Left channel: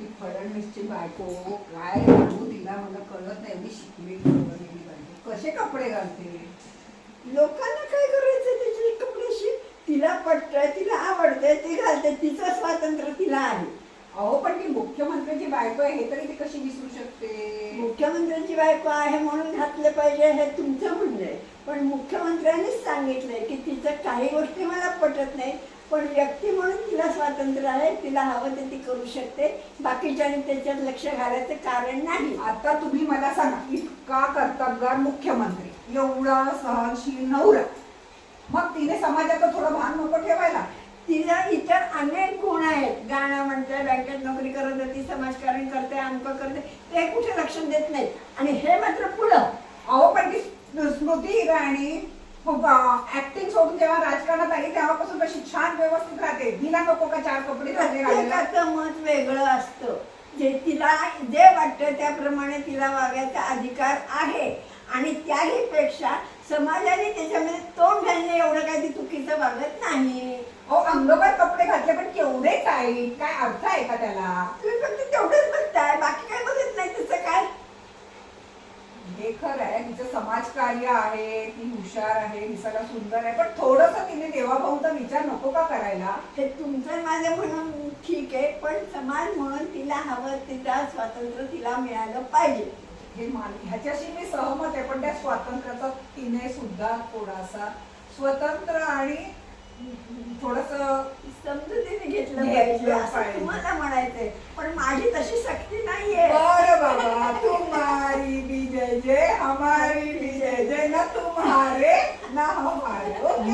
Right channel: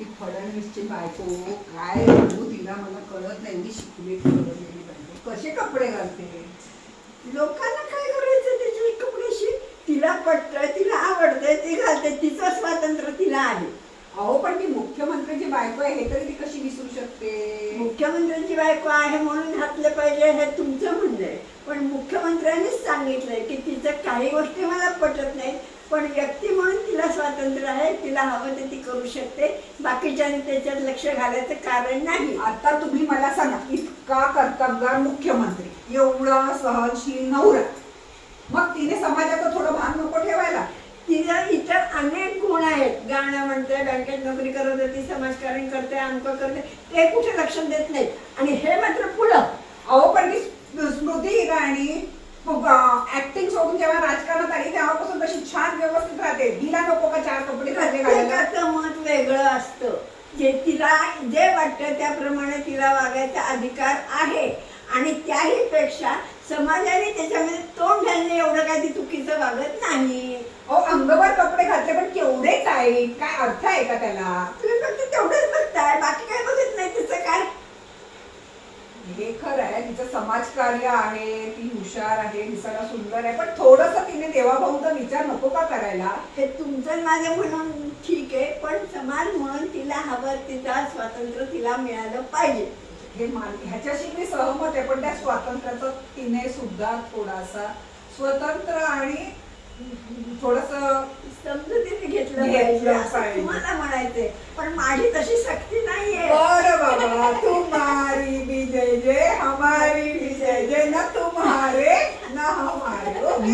ती फडणवीसची बायको काय म्हणू तिला मला कळत नाही. मी शिकली गेली पाहिजे. कसे कपडे घालते? लोकांना काय करायचं त्याची कपड्याशी? तिला पटतंय, तिला आवडतंय, ती घालते, तिचं स्वातंत्र्य तिला आहे. अहो पण ती मुख्यमंत्र्याची बायको आहे हे तरी ती कशी विसरू शकते? मुख्यमंत्र्यांची बायको आहे म्हणून घातलं पाहिजे हे तुमचं म्हणणं आहे. पण मुख्यमंत्र्यांनीच सांगितलंय की तिचं काही गोष्टी मला पटत नाही, पण व्यक्ती म्हणून तिला स्वातंत्र्य आहे, तिला हवं ते ती करू शकते. बाकीच्यांनी त्याच्यात लक्ष घालायचं कारण नाही. आता तुम्ही मला सांगा, इतका कर्तबगार मुख्यमंत्री, एवढा सहनशील नवरा, मग तिने समाजाचं थोडं भान नको ठेवायला? तिला इतर अनेक गुण आहेत. गाणं म्हणते, बँकेत नोकरी करत होती, समाजकारण करते, अंक करते, ते कुठे लक्ष देत नाही. आणि हे मात्र पुढं. अहो पण ती स्मृती इराणी ऍक्टिंग सोडून जेव्हा राजकारणात आली तेव्हापासून तशी छान व्यवस्थित राहते. हिला नको का चार कपडे घातले घालायला? प्रत्येकाचं मत वेगळं असतं. जे तिला जे वाटतं त्याप्रमाणे तिला वागायचा अधिकार आहे. आणि त्याही पेक्षा समाजाने त्याच्यामध्ये तोंड घालणे एवढं काय ती चुकीचं वागत नाही. अहो अंगभर कपडे घातले पण केवढे टाईट, काय अर्थ आहे का त्याला? तुम्ही फक्त तेवढंच बघताय, बाकी काय बघत नाही. त्याचं काय? हे खरं आहे, तिचं समाजकार्य आहे, ती हुशार आहे, दिसायला सुंदर आहे, पण थोडंसं तिने देवाभाऊचा विचार नको का करायला? हे तुमचं माझं म्हणून ठीक आहे, पण समाज म्हणून तिला हवं तिचा स्वातंत्र्य तिला मिळालं पाहिजे. ह्याच्याशी मी सहमत आहे, पण त्या स्वातंत्र्याचा तिने सुद्धा थोडासा स्वतंत्र आणि थोडस समजुतीने घेतलं पाहिजे असं तुम्हाला म्हणायचंय. पण माझी तशी सक्ती नाहीये. बरं बाबा, तुम्हारी भी जय जय, हमारी भी जय जय, न तुम्हारे न हमारे. ओके?